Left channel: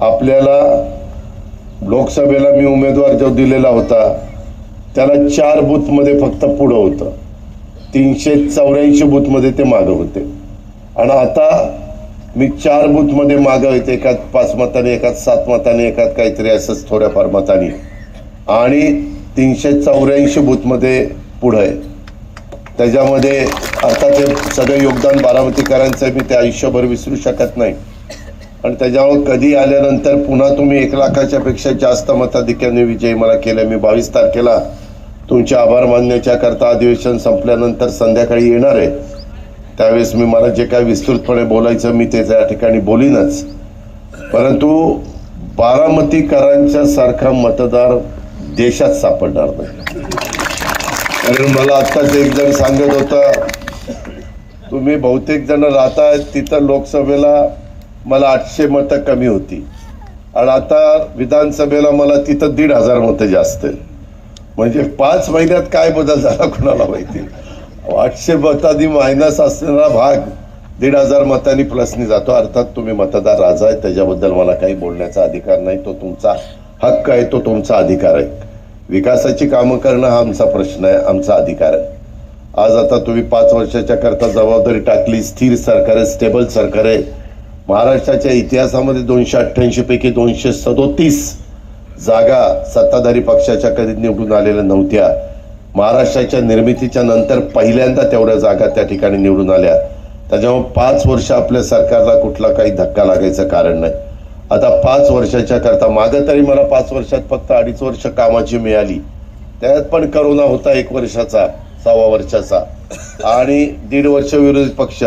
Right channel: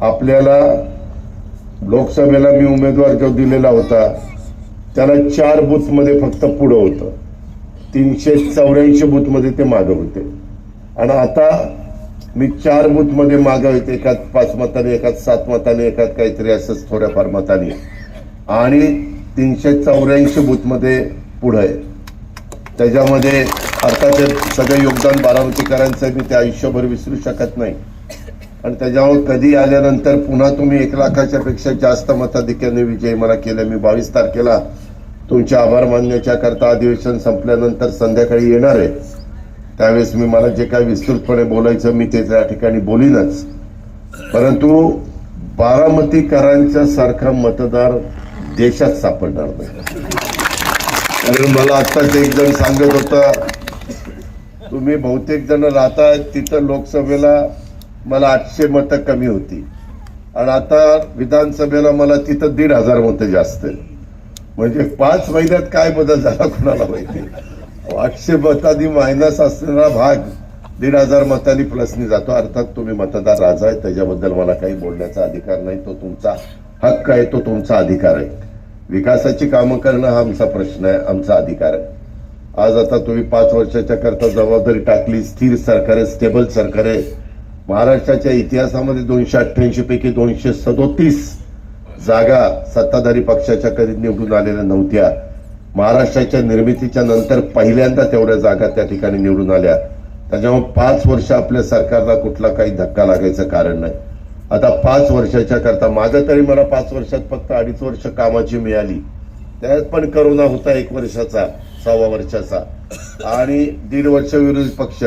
आपल्याला लोकसभेला मी उमेदवार जो दिलेला होता त्याला चार बूथमध्ये फक्त पुढं होतं तीनशे चौऱ्याऐंशी बूथमध्ये ते मागं होते आणि आता मी चार बूथमध्ये मागं येते एकात पाच मताने एकात सात मताने एकात काहीतरी असंच थोड्याफार मताने आणि तीनशे चौऱ्याऐंशी बूथमध्ये पुढं आहे त्याच्यामध्ये आता ते सगळं योगदान बारामतीकरांचं मी ते आयुष्यभर विसरू शकत नाही आणि त्याच्यावर कधी आल्यानंतर पुन्हा तुम्ही एक लाखाच्या पेक्षा जास्त मताधिक्याने विजय मला केला मी बावीस तारखेला तुमचे आभार मानण्याच्या करता अधिवेशन संपल्यानंतर संध्याकाळी येणार आहे त्यावेळेस मी मला जे काय विस्तृतपणे बोलायचं मी ते त्या ठिकाणी बोलीनच परंतु बारामतीकरांच्या सारखा मतदार देशात सापडणार नाही कारण मला आत्ताच एक जण सांगत होता तुम्ही बहुतेक जण राहतायत तिथं लोकसभेला मला आठशे मतं कमी होती आणि आता विधानसभेला मला तिथं दीड हजार मतं जास्त म्हणजे पाच महिन्यात काय बदल झाला कुणाला माहिती आठशे मतांनी मायनस असणारा भाग दीड हजार मतांनी प्लसनी जातो अर्थात तुम्ही मतदार राजा आहे त्याच्याबद्दल मला काही बोलण्याचा अधिकार नाही तो तुमचा हक्क आहे तो तुमचा अधिकार आहे विकासाची कामं करणं हा आमचा प्रश्न आहे आमचा अधिकार आहे आज आता तुम्ही पाच वर्षाच्या करता जबाबदारी टाकली स्थिर सरकार आहे स्टेबल सरकार आहे महाराष्ट्राच्या इतिहासामध्ये दोनशे अठ्ठ्याऐंशी पैकी दोनशे सदोतीस जागा सत्ताधारी पक्षाच्या कधी निवडून आलेल्या नव्हत्या महाराष्ट्राच्या निर्मितीच्या नंतर पहिल्यांदा तेवढ्या जागा त्या ठिकाणी निवडून आल्या त्याच्यामुळे पाच वर्ष आपल्या सरकारला कुठला काही धक्का लागायचं कारण नाही आता पाच वर्षाच्या करता माझं तरी मला पाच वर्षात फक्त अडीच वर्ष कामाची मिळाली त्यात पण करोना होता एक वर्षाचा सव्वा वर्षाचा आणि दीड वर्ष विरोधी पक्ष